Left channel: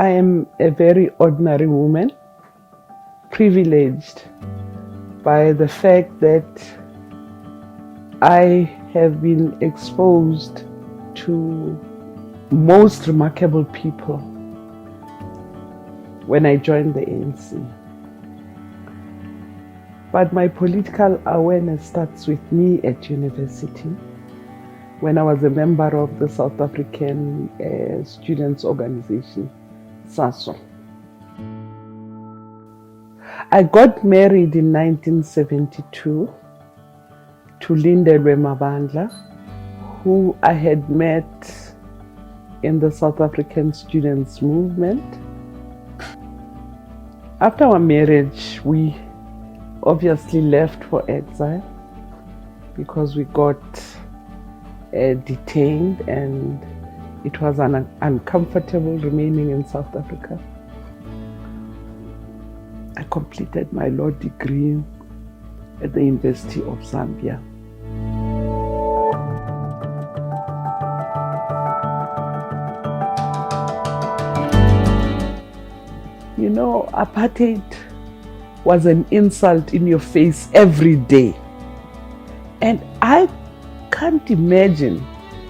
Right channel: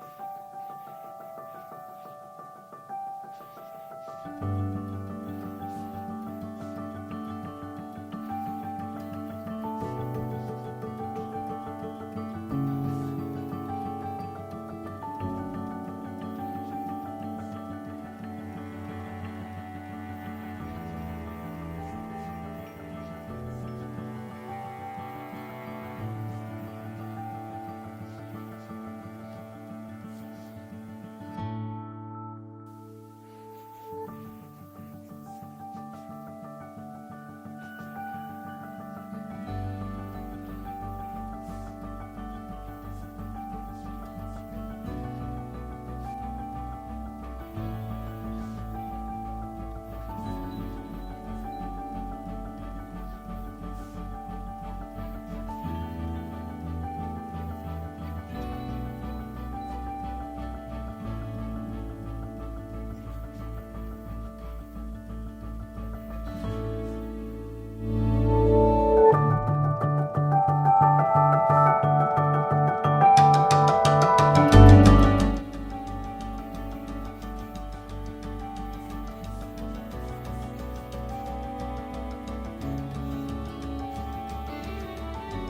I am a very ordinary woman, privileged by the fact that I have been exposed to most remarkable people when I joined the ANC. But my political awareness starts with me at university, when I was a member of the South African Students' Organization, SASO. I got married in 1972 to Brigitte Mabandla, who I had met in the South African students' movement. After our marriage, we obviously left for exile because we got detained, and it was uncomfortable remaining in South Africa. I completed my law degree at the University of Zambia. You know, apartheid was an insult in your face every day. And I can't imagine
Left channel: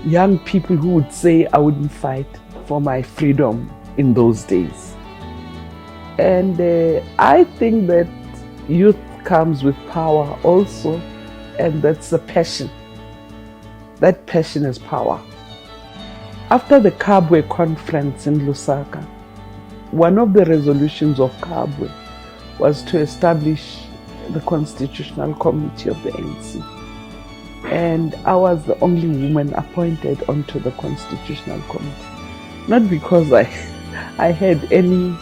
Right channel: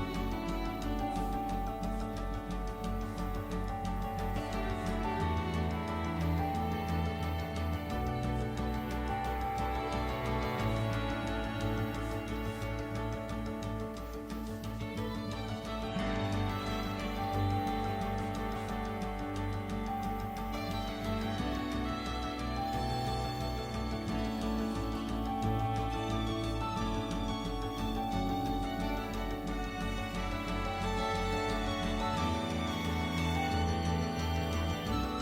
young people who would say I wouldn't fight for my freedom in those days. And I think that youth comes with power also, and that's the passion. That passion is power. After the Kabwe conference in Lusaka, one of the resolutions of Kabwe was to establish the Constitutional Committee of the ANC. And I was the only woman appointed onto the Constitutional Committee. Not because I had any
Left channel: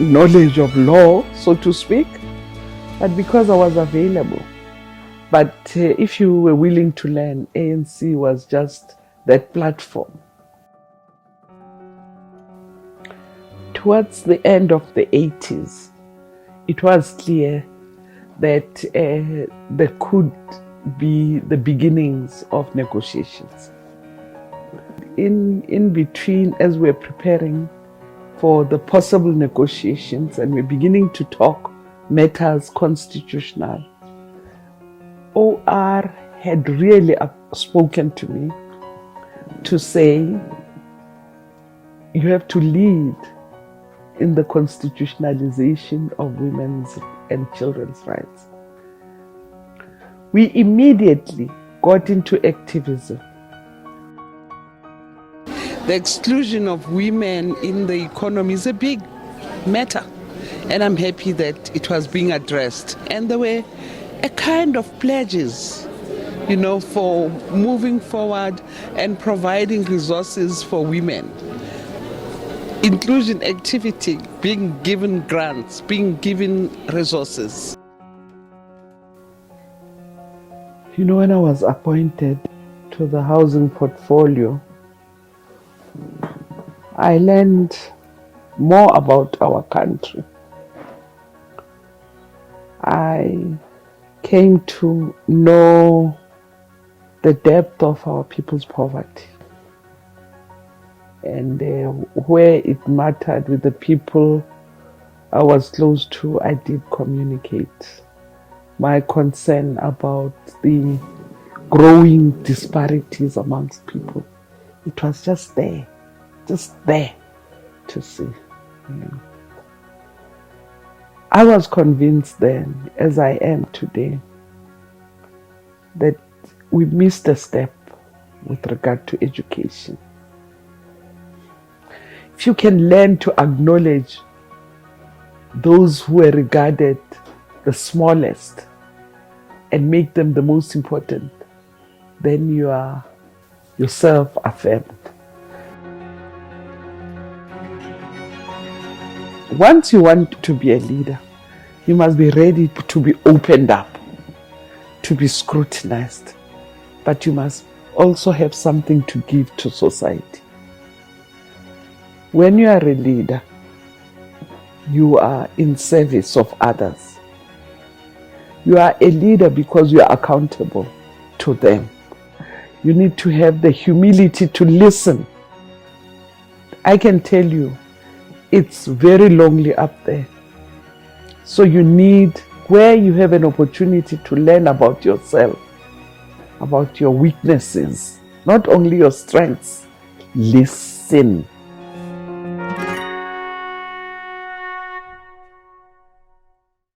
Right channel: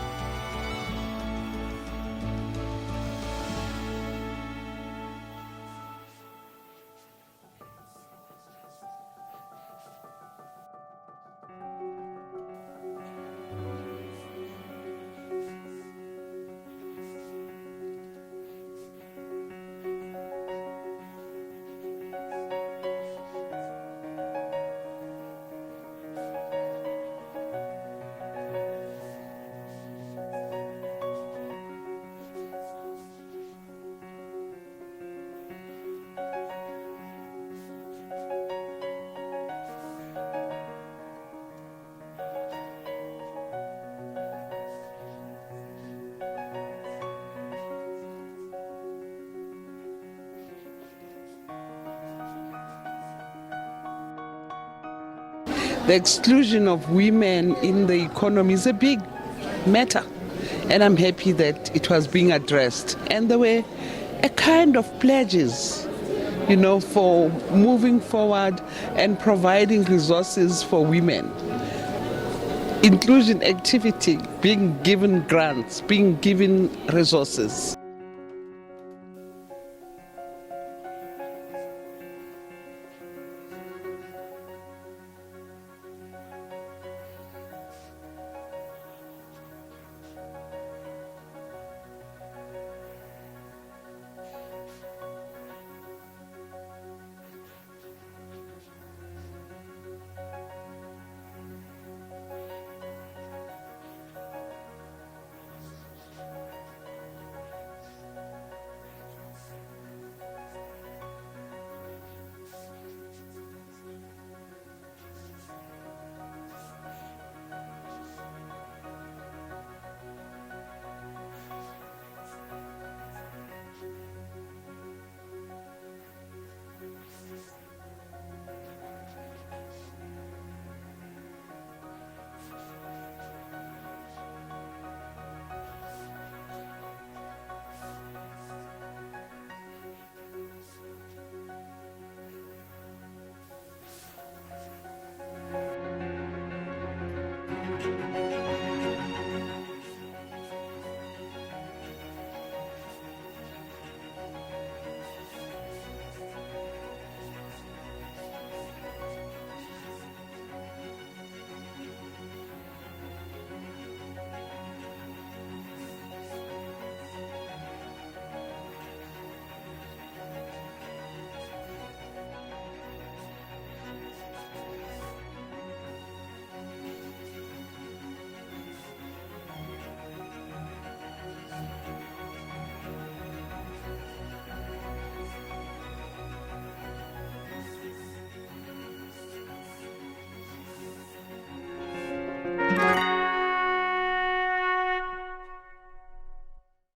knowledge of law, so to speak, but because I was available. But if you were willing to learn, ANC was just that platform. Towards the end of the 80s, it was clear that there could be the beginnings of negotiations. In between, as we're preparing for the possible negotiations and we're beginning to talk matters constitutional, OR had really spoken to me to say, you have to lead in the constitutionalization of women's and children's rights. We immediately got into activism. The exclusion of women in the economy is a big matter, and I'm happy that it was being addressed. And there were a kind of pledges, you know, for moving forward and providing resources for women. Inclusion activity, being given grants, being given resources. You know, when I was appointed to the housing portfolio, I learned more about our country. I came to know the depth of our people's poverty. And where it mattered with the people I was close to, I did communicate my concern about the growing disparities amongst people. It was just there to see. I was convinced then, as I am today, that we missed a step with regard to education. If you can learn to acknowledge those who are regarded the smallest and make them the most important, then you are yourself affirmed. Once you want to be a leader, you must be ready to be opened up, to be scrutinized, but you must also have something to give to society. When you are a leader, you are in service of others. You are a leader because you are accountable to them. You need to have the humility to listen I can tell you, it's very lonely up there. So you need, where you have an opportunity to learn about yourself, about your weaknesses, not only your strengths, listen.